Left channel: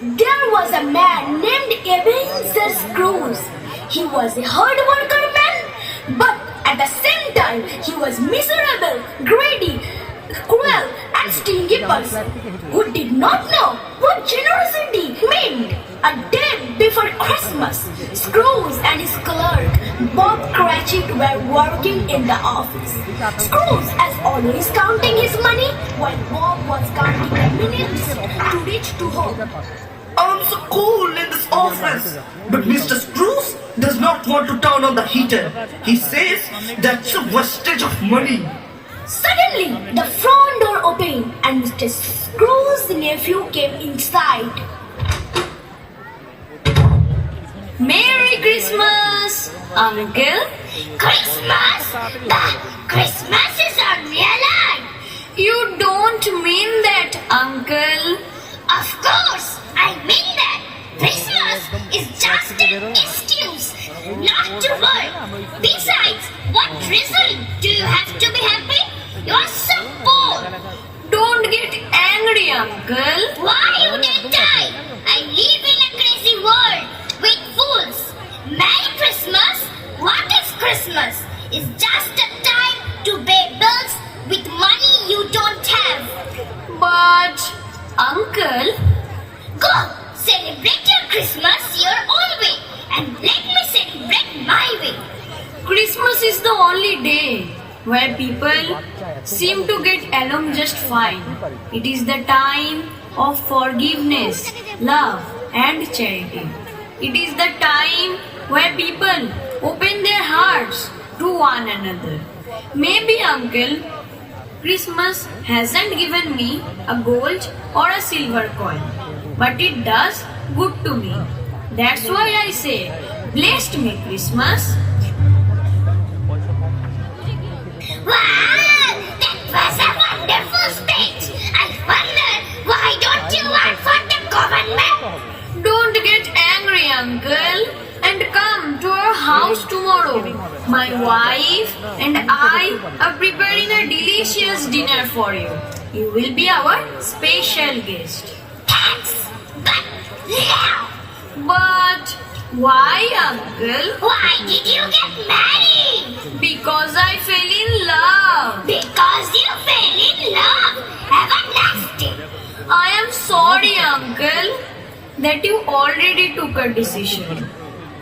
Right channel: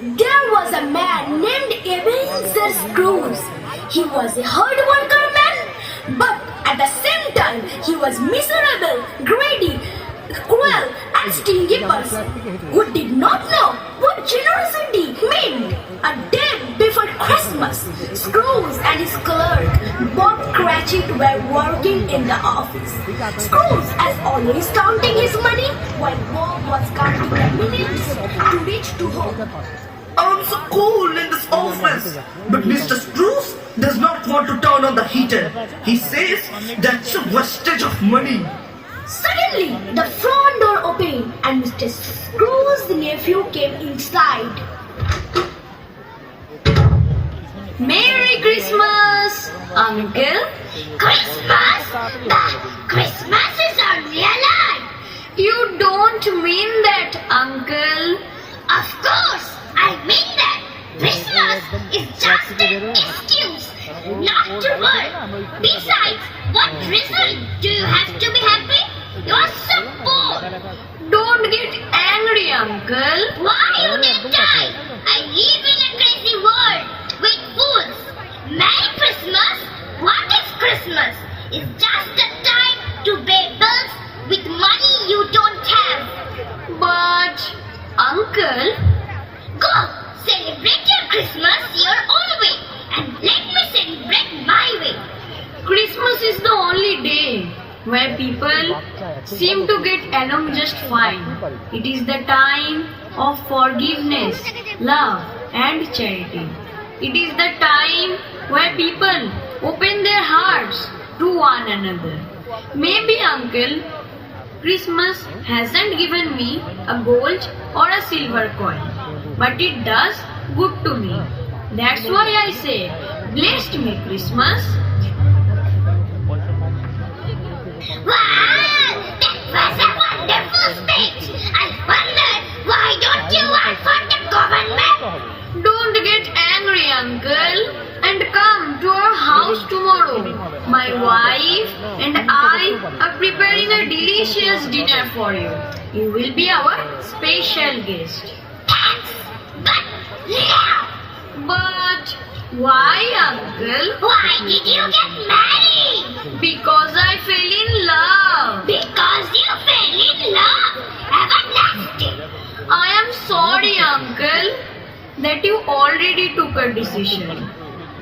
There was a man named Ebenezer Scrooge. He was a hard worker man, but at the same time he was miserable, greedy, cruel and stingy person who did not know what generosity meant. A day before Christmas, Scrooge and his clerk, Bob Cratchit, were working in the office. Scrooge, as always, counting his money, while Bob was counting the minutes to reach to home. I'm so cold in this office. But Mr. Scrooge does not want to turn on the heater. He says that's a wastage of money. Suddenly, the front door opened and Mr. Scrooge's nephew came inside. Merry Christmas, Uncle. Christmas? But Christmas is a real life. You don't mean that, Uncle. Of course, I mean that. Christmas is just an excuse not to work. Besides, what reason do you have to be happy? You are so poor. Don't get angry, Uncle. Why you didn't die? I live in a crazy world with fools. Merry Christmas? What is Christmas? It's just a time to pay bills with money you don't have. But, Uncle, Go celebrate your Christmas your own way and let me celebrate my way. Christmas is the only day where people seem to get along just fine. It is the time of forgiveness, love, and charity. It is the time where people open their hearts to one another. Maybe, Uncle, Christmas hasn't given me a gold or a silver coin, but it does good to me. That's why I say, blessed me Christmas. Wow, that was a wonderful speech. I wonder why don't you work for the government? Don't get angry, Uncle, and come to our house tomorrow. My wife and I are preparing a delicious dinner for you. You will be our special guest. Thanks, but yeah. But why, Uncle? Why did you get married? Because I fell in love. Because you fell in love. Everlasting. I am sorry, Uncle, that you already took a decision.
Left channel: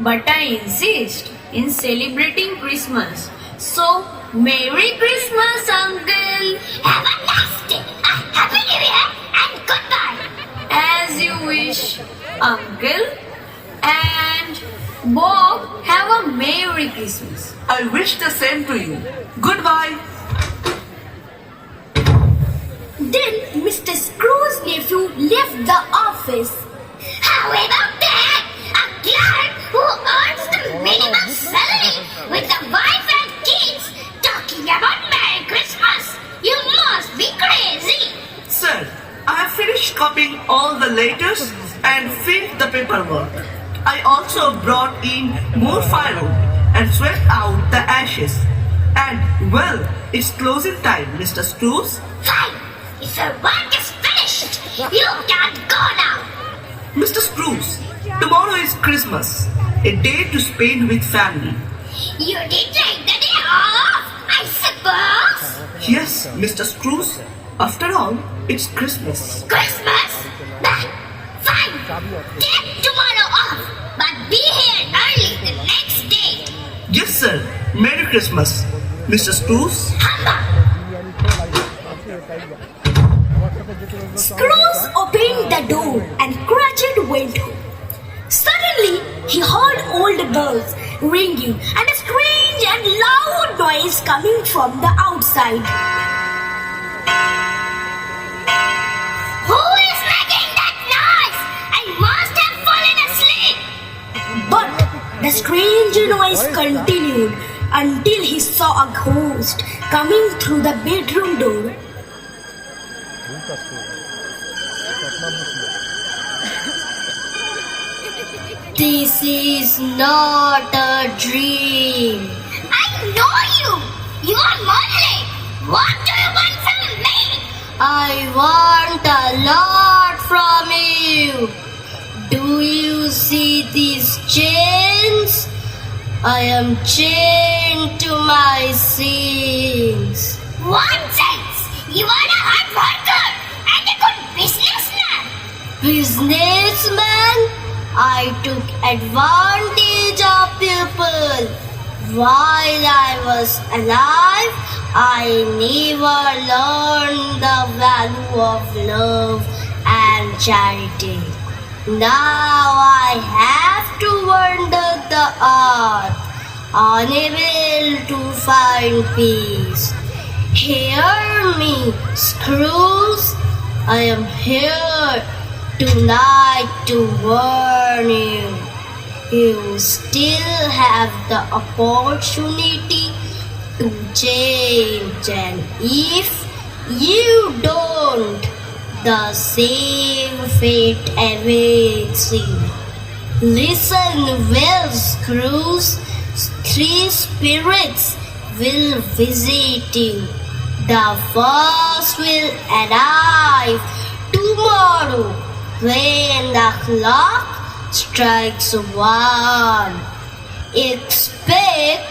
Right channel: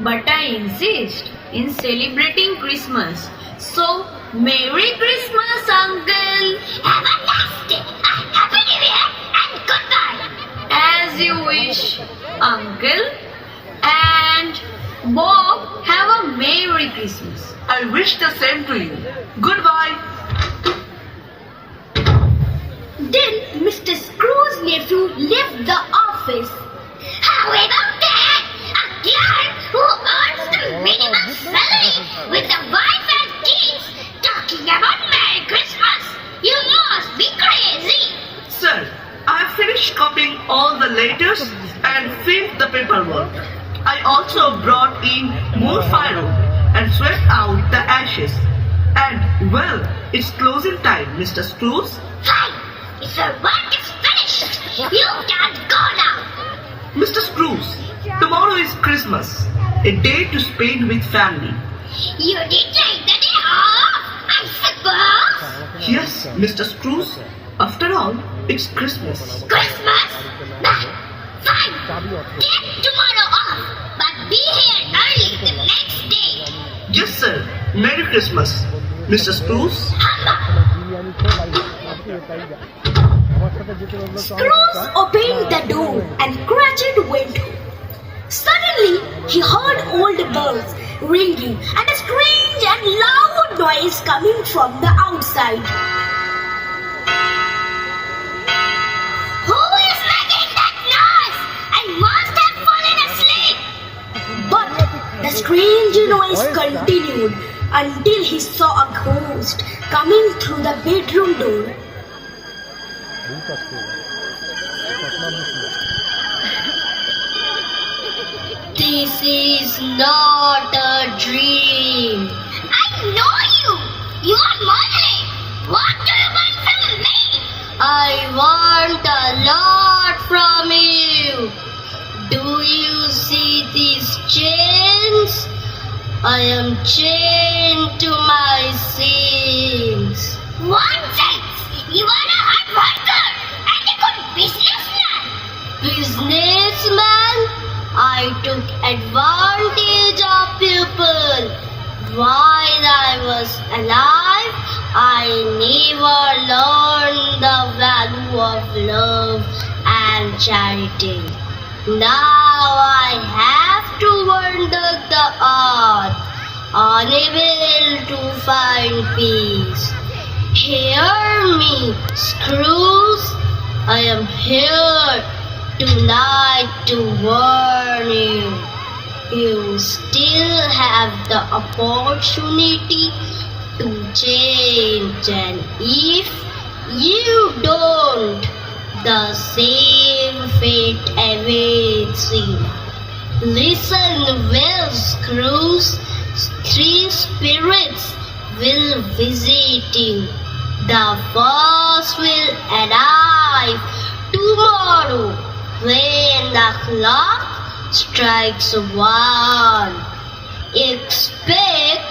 But I insist in celebrating Christmas. So, Merry Christmas, Uncle. Everlasting. Happy New Year and goodbye. As you wish, Uncle. And Bob, have a Merry Christmas. I wish the same to you. Goodbye. Then Mr. Scrooge's nephew left the office. How about that? A clerk who earns the minimum salary with a wife and kids talking about Merry Christmas? You must be crazy. Sir, I have finished copying all the letters and filled the paperwork. I also brought in more firewood and swept out the ashes. And, well, it's closing time, Mr. Scrooge. Fine. If your work is finished, you can go now. Mr. Scrooge, tomorrow is Christmas, a day to spend with family. You did take the day off, I suppose. Yes, Mr. Scrooge. After all, it's Christmas. Christmas? But fine. Take tomorrow off, but be here early the next day. Yes, sir. Merry Christmas, Mr. Scrooge. Scrooge opened the door and Cratchit went home. Suddenly, he heard old bells ringing and a strange and loud noise coming from the outside. Who is making that noise? I must have fallen asleep. But the strange noise continued until he saw a ghost coming through the bedroom door. This is not a dream. I know you. You are Molly. What do you want from me? I want a lot from you. Do you see these chains? I am chained to my sins. What sense? You are a hard worker and a good businessman. Businessman, I took advantage of people. While I was alive, I never learned the value of love and charity. Now I have to wander the earth, unable to find peace. Hear me, Screws. I am here tonight to warn you. You still have the opportunity to change, and if you don't, the same fate awaits you. Listen well, Screws. 3 spirits will visit you. The first will arrive tomorrow when the clock strikes 1. Expect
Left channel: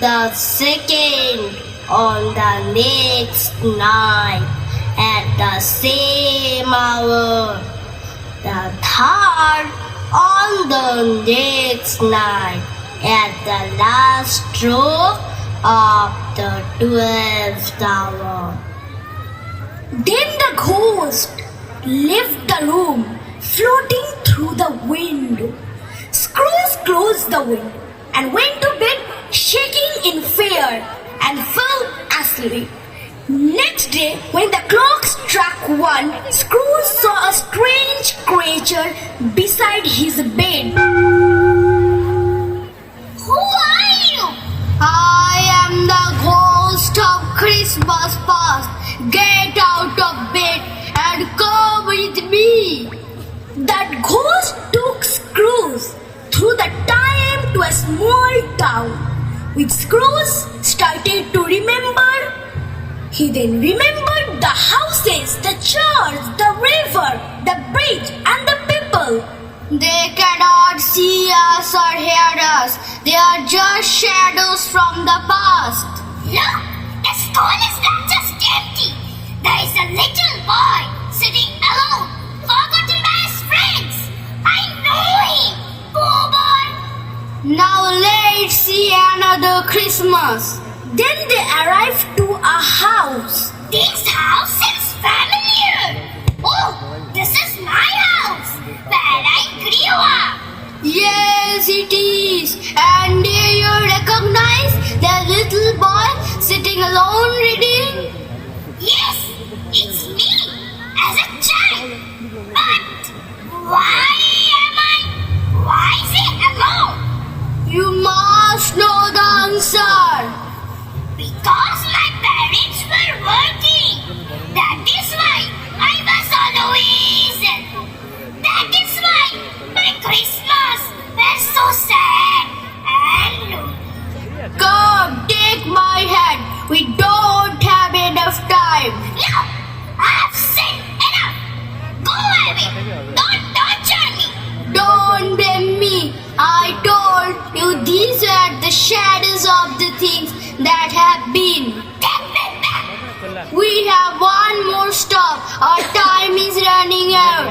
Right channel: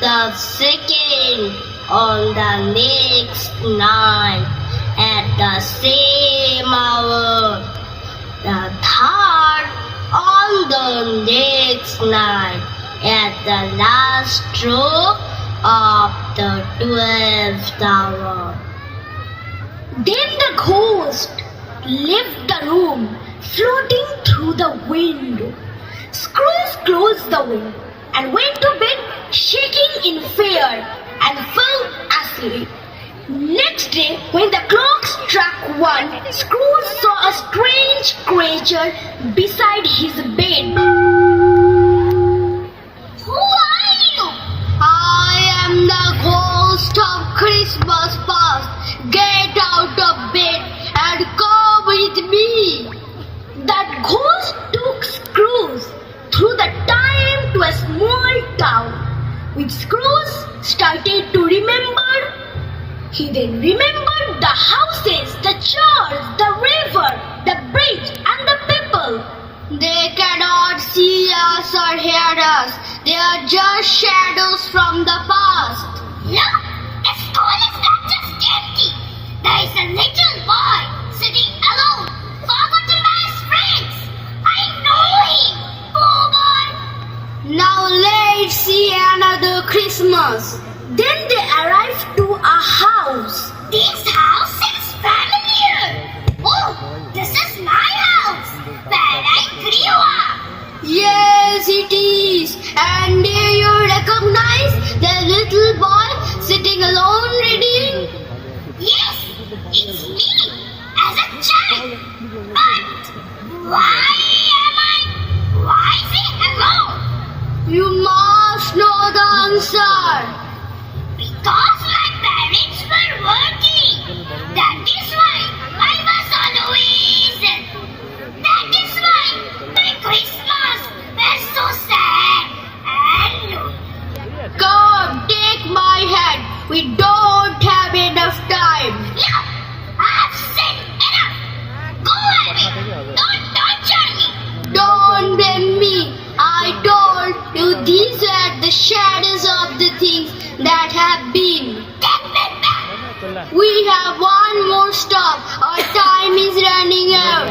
the second on the next night at the same hour. The third on the next night at the last stroke of the 12th hour. Then the ghost left the room, floating through the window. Scrooge closed the window and went to bed, shaking in fear, and fell asleep. Next day, when the clock struck 1, Scrooge saw a strange creature beside his bed. Who are you? I am the ghost of Christmas past. Get out of bed and come with me. That ghost took Scrooge through the time to a small town, which Scrooge started to remember. He then remembered the houses, the church, the river, the bridge, and the people. They cannot see us or hear us. They are just shadows from the past. Look, the school is not just empty. There is a little boy sitting alone, forgotten by his friends. I know him, poor boy. Now let's see another Christmas. Then they arrived to a house. This house seems familiar. Oh, this is my house, where I grew up. Yes, it is. And do you recognize the little boy sitting alone reading? Yes, it's me, as a child. But why is he alone? You must know the answer. Because my parents were working. That is why I was always. That is why my Christmas was so sad and lonely. Come, take my hand. We don't have enough time. No, I've said enough. Go away. Don't torture me. Don't blame me. I told you these are the shadows of the things that have been. Take me back. We have one more stop. Our time is running out.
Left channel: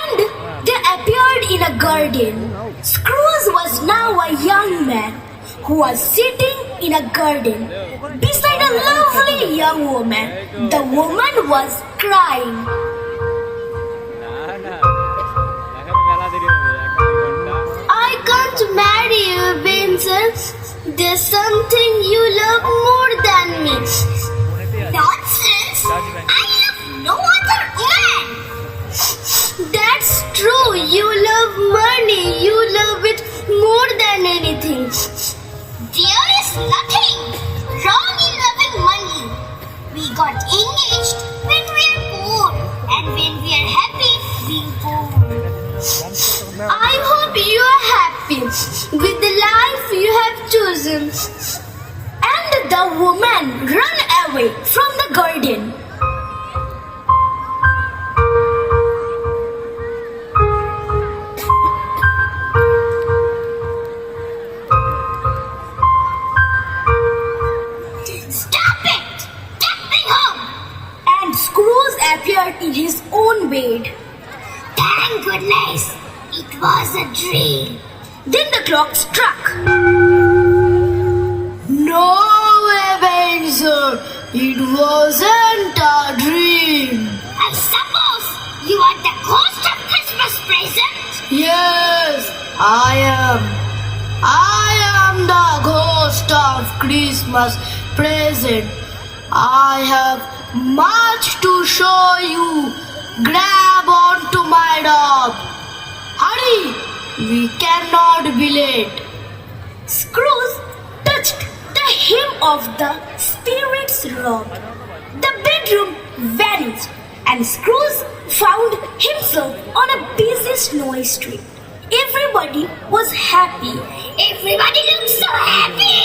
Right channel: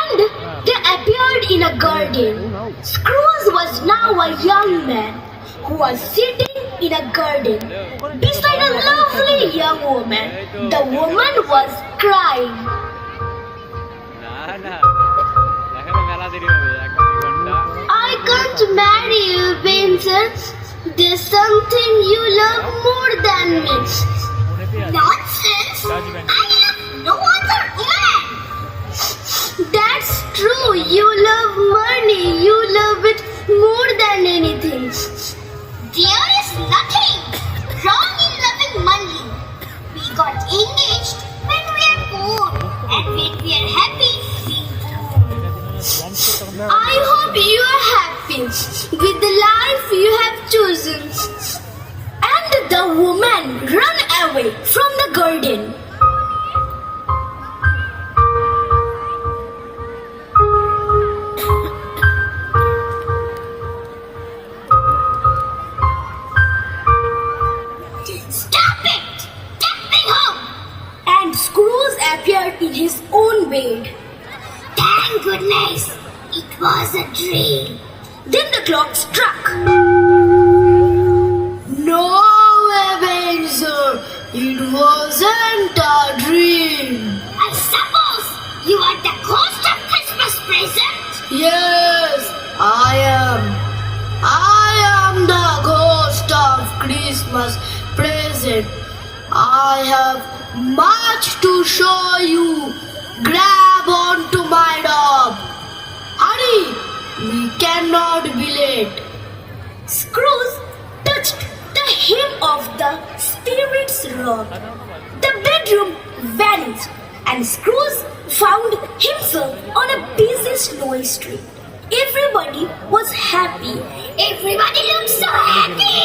And they appeared in a garden. Scrooge was now a young man who was sitting in a garden beside a lovely young woman. The woman was crying. I can't marry you, Vincent. There's something you love more than me. Nonsense! I love no other woman. That's true. You love money. You love it more than anything. There is nothing wrong in loving money. We got engaged when we are poor, and when we are happy, being poor. I hope you are happy with the life you have chosen. And the woman ran away from the garden. goodness, it was a dream. Then the clock struck. No, Ebenezer, it wasn't a dream. I suppose you are the ghost of Christmas present? Yes, I am. I am the ghost of Christmas present. I have much to show you. Grab onto my dog. Hurry, we cannot be late. Scrooge touched the hem of the spirit's robe. The bedroom vanished, and Scrooge found himself on a busy snowy street. Everybody was happy. Everybody looks so happy.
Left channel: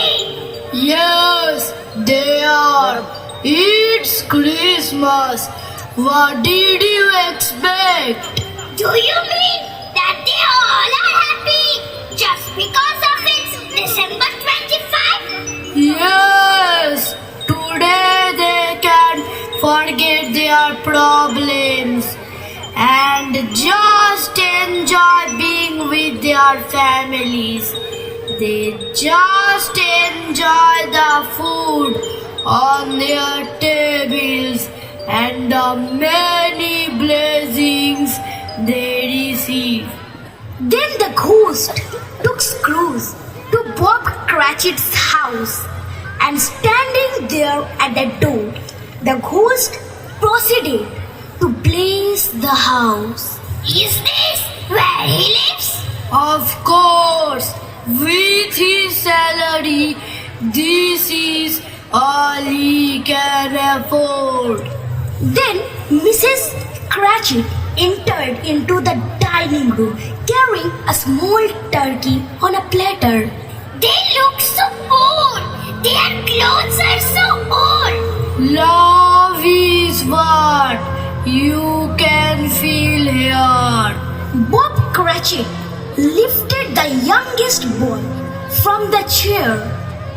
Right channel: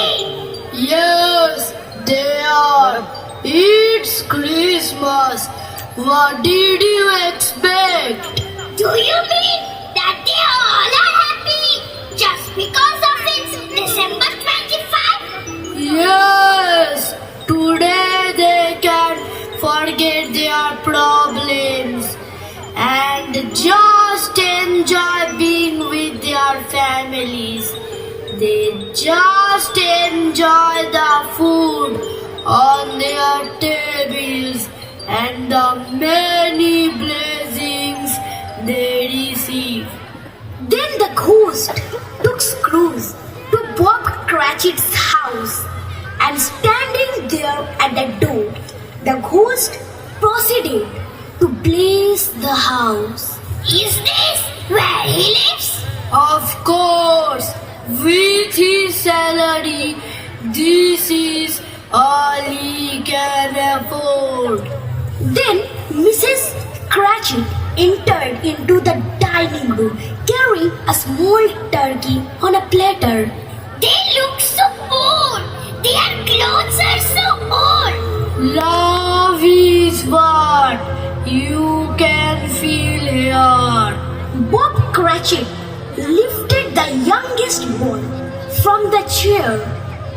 Yes, they are. It's Christmas. What did you expect? Do you mean that they all are happy just because of it's December 25? Yes, today they can forget their problems and just enjoy being with their families. They just enjoy the food on their tables and the many blessings they receive. Then the ghost took Scrooge to Bob Cratchit's house, and standing there at the door, the ghost proceeded to bless the house. Is this where he lives? Of course, with his salary, this is all he can afford. Then Mrs. Cratchit entered into the dining room carrying a small turkey on a platter. They look so old. Their clothes are so old. Love is what you can feel here. Bob Cratchit lifted the youngest boy from the chair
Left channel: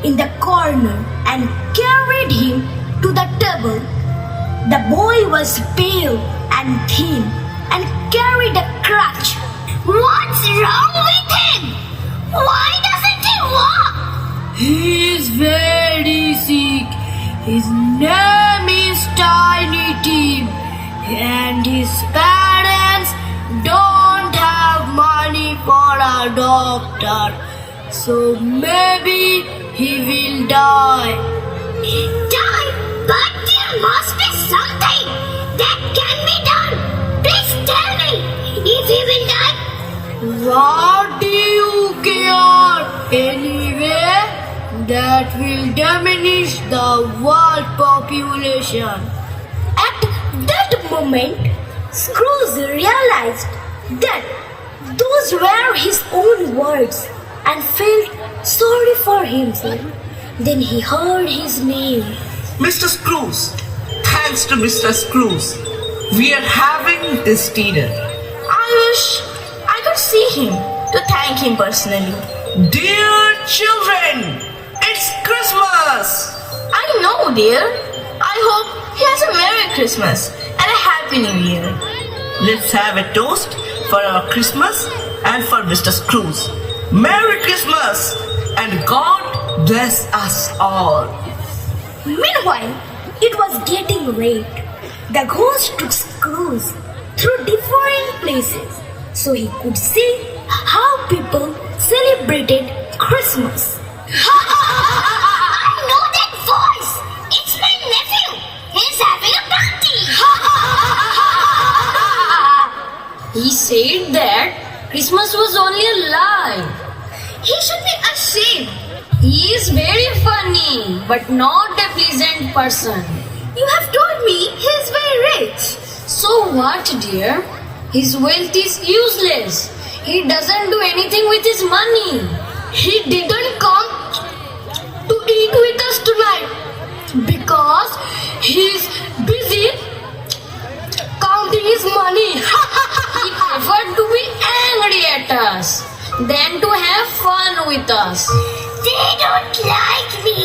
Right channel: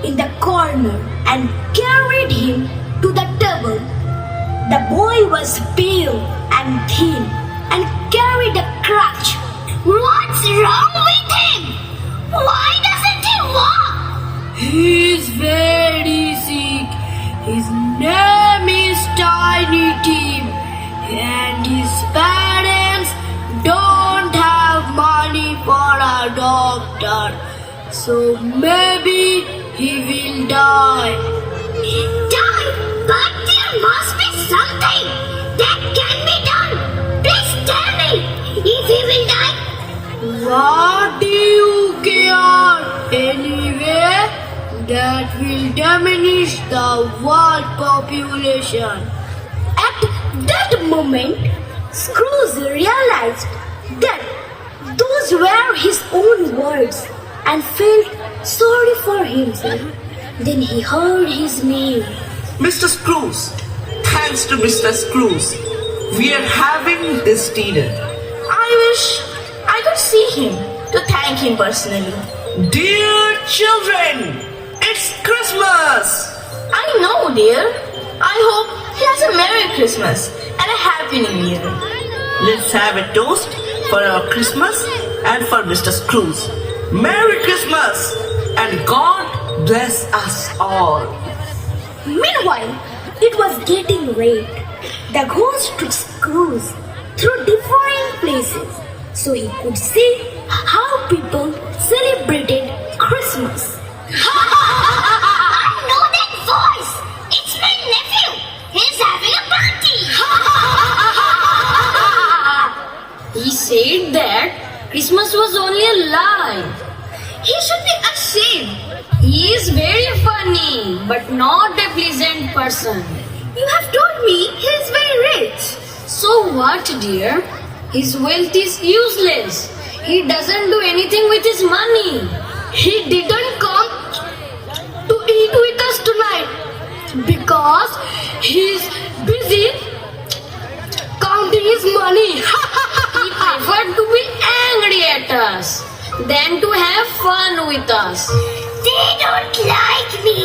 in the corner and carried him to the table. The boy was pale and thin and carried a crutch. What's wrong with him? Why doesn't he walk? He is very sick. His name is Tiny Tim, and his parents don't have money for a doctor. So maybe he will die. Die? But there must be something that can be done. Please tell me if he will die. What do you care? Anyway, that will diminish the world population. At that moment, Scrooge realized that those were his own words and felt sorry for himself. Then he heard his name. Mr. Scrooge, thanks to Mr. Scrooge, we are having this dinner. I wish I could see him to thank him personally. Dear children, it's Christmas! I know, dear. I hope he has a Merry Christmas and a Happy New Year. Let's have a toast for our Christmas and for Mr. Scrooge. Merry Christmas and God bless us all. Meanwhile, it was getting late. The ghost took Scrooge through different places so he could see how people celebrated Christmas. I know that voice. It's my nephew. He's having a party. He said that Christmas was only a lie. He should be ashamed. He is very funny, but not a pleasant person. You have told me he is very rich. So what, dear? His wealth is useless. He doesn't do anything with his money. He didn't come to eat with us tonight because he's busy counting his money. He preferred to be angry at us than to have fun with us. They don't like me.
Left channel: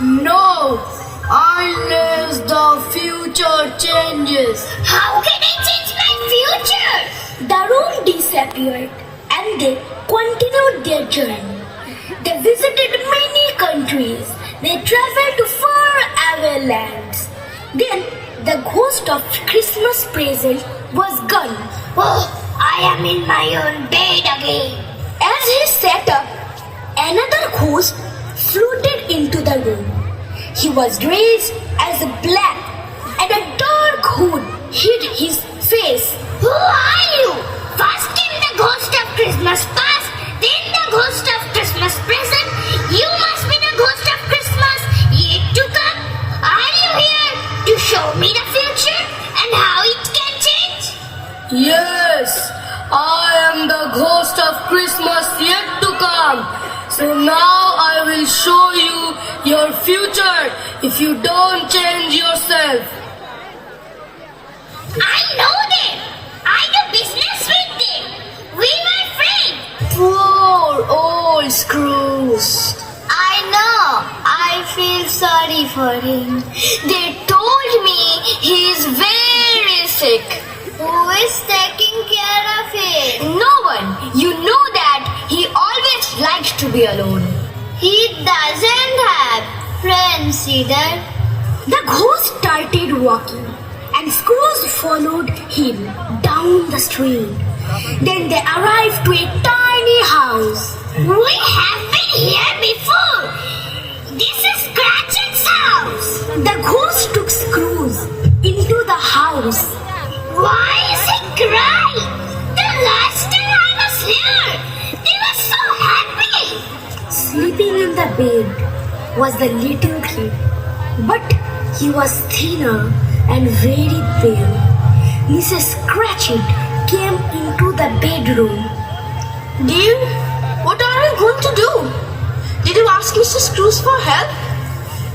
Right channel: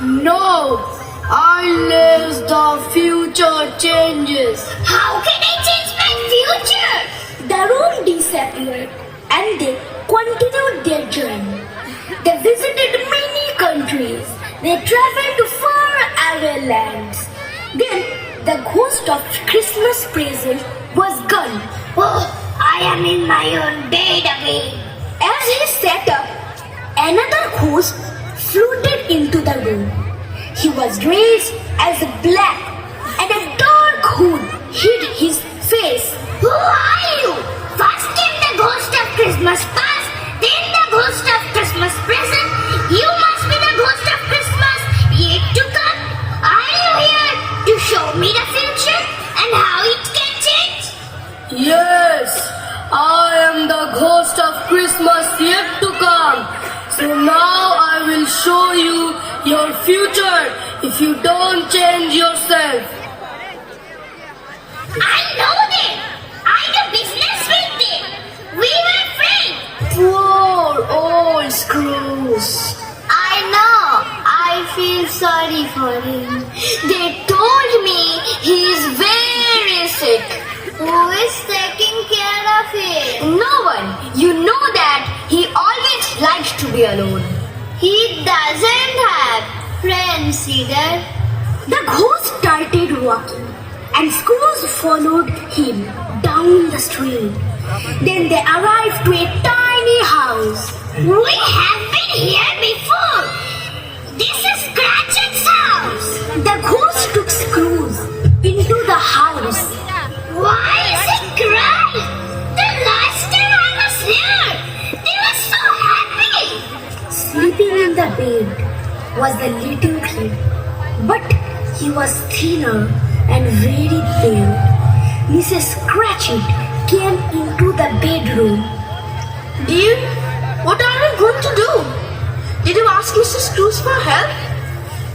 No, unless the future changes. How can I change my future? The room disappeared and they continued their journey. They visited many countries. They traveled to far-away lands. Then the ghost of Christmas present was gone. Oh, I am in my own bed again. As he sat up, another ghost floated into the room. He was dressed as black and a dark hood hid his face. Who are you? First came the ghost of Christmas past, then the ghost of Christmas present. You must be the ghost of Christmas yet to come. Are you here to show me the future and how it can change? Yes, I am the ghost of Christmas yet to come. So now I will show you your future if you don't change yourself. I know them. I do business with them. We were friends. Poor old Scrooge. I know. I feel sorry for him. They told me he is very sick. Who is taking care of him? No one. You know that he always likes to be alone. He doesn't have friends either. The ghost started walking and Scrooge followed him down the street. Then they arrived to a tiny house. We have been here before. This is Cratchit's house. The ghost took Scrooge into the house. Why is he crying? The last time I was here, they were so happy. Sleeping in the bed was the little kid, but he was thinner and very pale. Mrs. Cratchit came into the bedroom. Dear, what are you going to do? Did you ask Mr. Scrooge for help?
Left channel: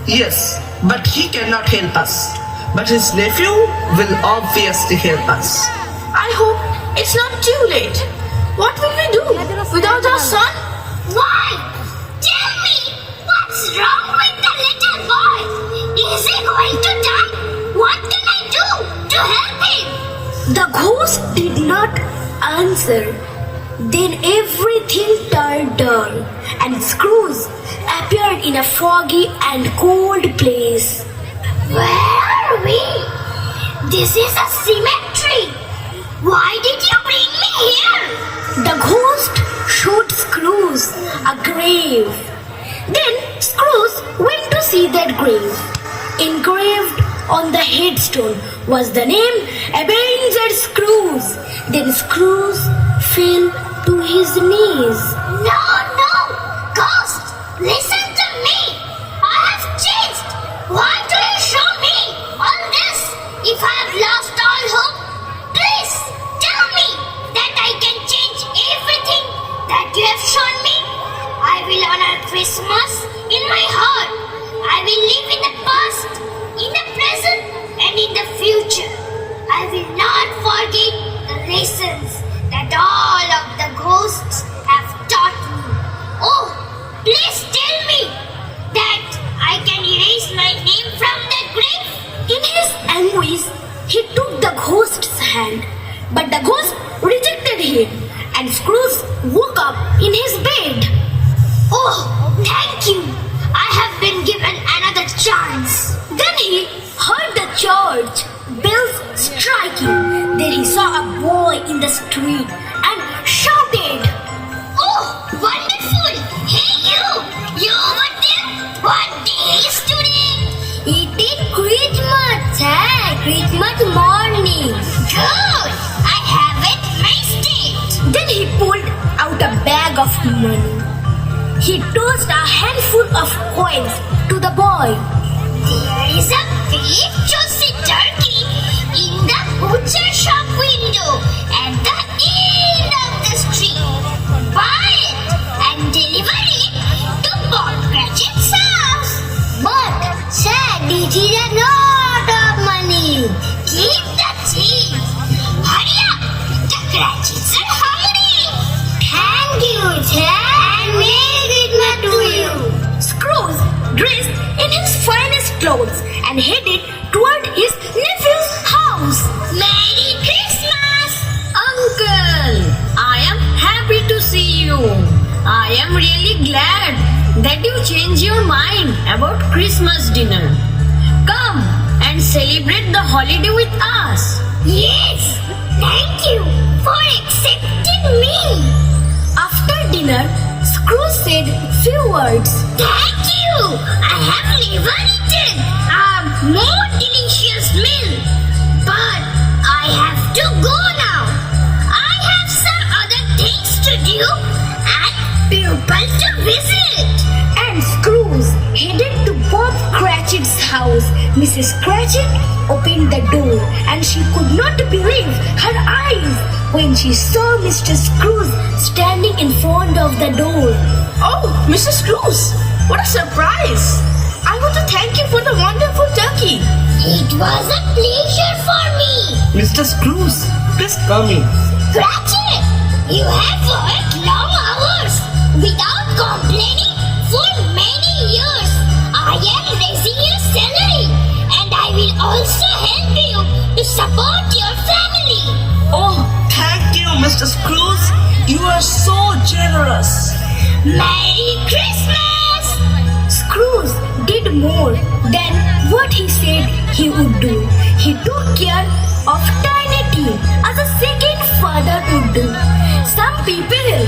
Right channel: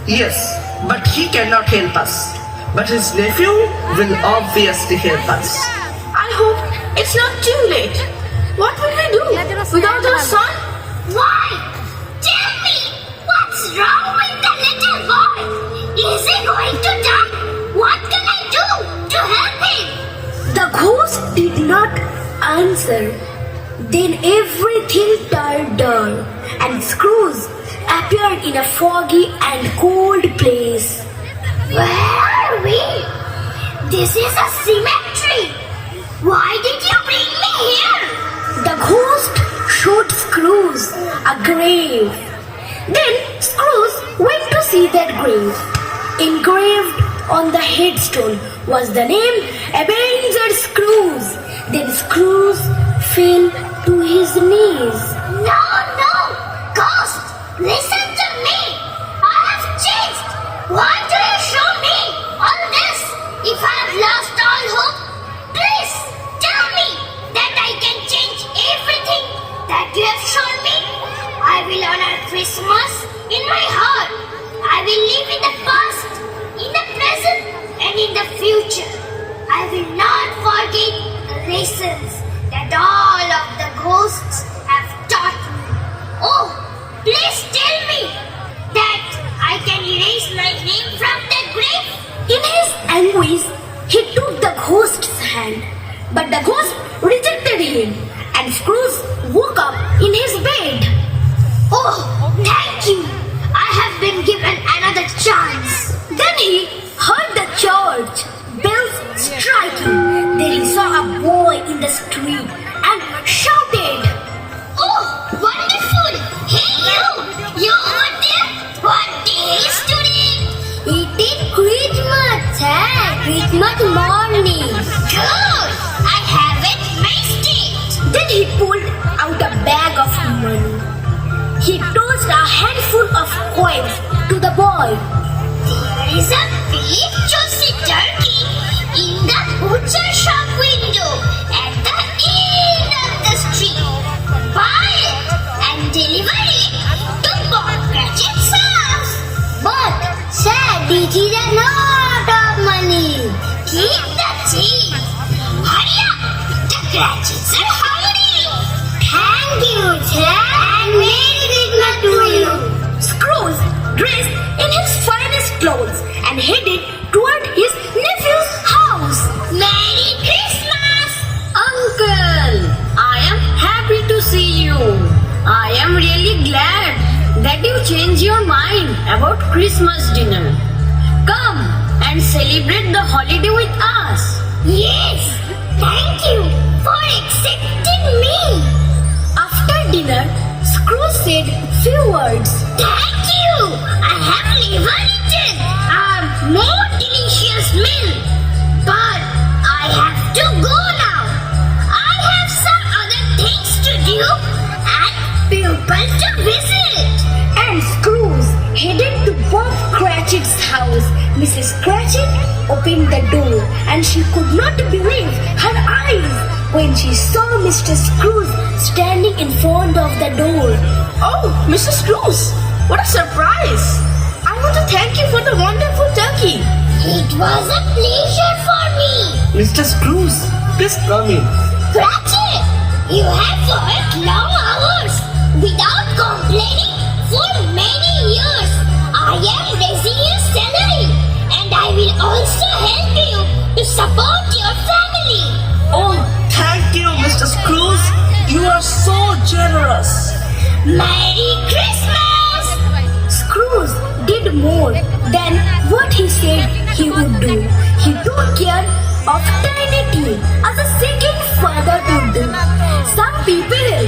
Yes, but he cannot help us. But his nephew will obviously help us. I hope it's not too late. What will we do without our son? Why? Tell me, what's wrong with the little boy? Is he going to die? What can I do to help him? The ghost did not answer. Then everything turned dark and Scrooge appeared in a foggy and cold place. Where are we? This is a cemetery. Why did you bring me here? The ghost showed Scrooge a grave. Then Scrooge went to see that grave. Engraved on the headstone was the name Ebenezer Scrooge. Then Scrooge fell to his knees. No, ghost, listen to me. I have changed. Why do you show me all this? If I have lost all hope, please tell me that I can change everything that you have shown me. I will honor Christmas in my heart. I will live in the past, in the present, and in the future. I will not forget the lessons that all of the ghosts have taught me. Oh, please tell me that I can erase my name from the grave. In his anguish, he took the ghost's hand, but the ghost rejected him, and Scrooge woke up in his bed. Oh, thank you. I have been given another chance. Then he heard the church bells striking. Then he saw a boy in the street and shouted, Oh, wonderful. Hey, you over there? What day is today? "It is Christmas, Christmas morning." Good. I haven't missed it. Then he pulled out a bag of money. He tossed a handful of coins to the boy. There is a big juicy turkey in the butcher shop window at the end of the street. Buy it and deliver it to Bob Cratchit's house. But, sir, this is a lot of money. Keep the change. Hurry up. The Cratchits are hungry. Thank you, sir. And Merry Christmas to you. Scrooge dressed in his finest clothes and headed toward his nephew's house. Merry Christmas. Uncle, I am really glad that you changed your mind about Christmas dinner. Come and celebrate the holiday with us. Yes, thank you for accepting me. After dinner, Scrooge said few words. Thank you. I have never eaten a more delicious meal. But I have to go now. I have some other things to do and people to visit. And Scrooge headed to Bob Cratchit's house. Mrs. Cratchit opened the door and she could not believe her eyes when she saw Mr. Scrooge standing in front of the door. Oh, Mr. Scrooge, what a surprise! I want to thank you for the wonderful turkey. It was a pleasure for me. Mr. Scrooge, please come in. Cratchit, you have worked long hours without complaining for many years. I am raising your salary and I will also help you to support your family. Oh, thank you, Mr. Scrooge. You are so generous. Merry Christmas! Scrooge did more than what he said he would do. He took care of Tiny Tim as a second father would do. Some people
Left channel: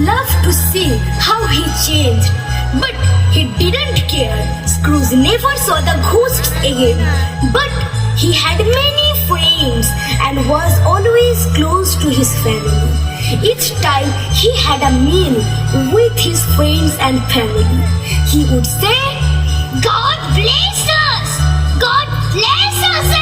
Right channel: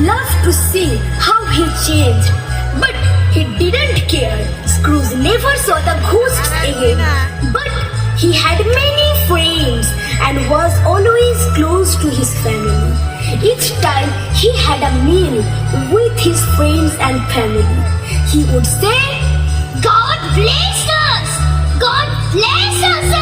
love to see how he changed, but he didn't care. Scrooge never saw the ghosts again, but he had many friends and was always close to his family. Each time he had a meal with his friends and family, he would say, God bless us! God bless us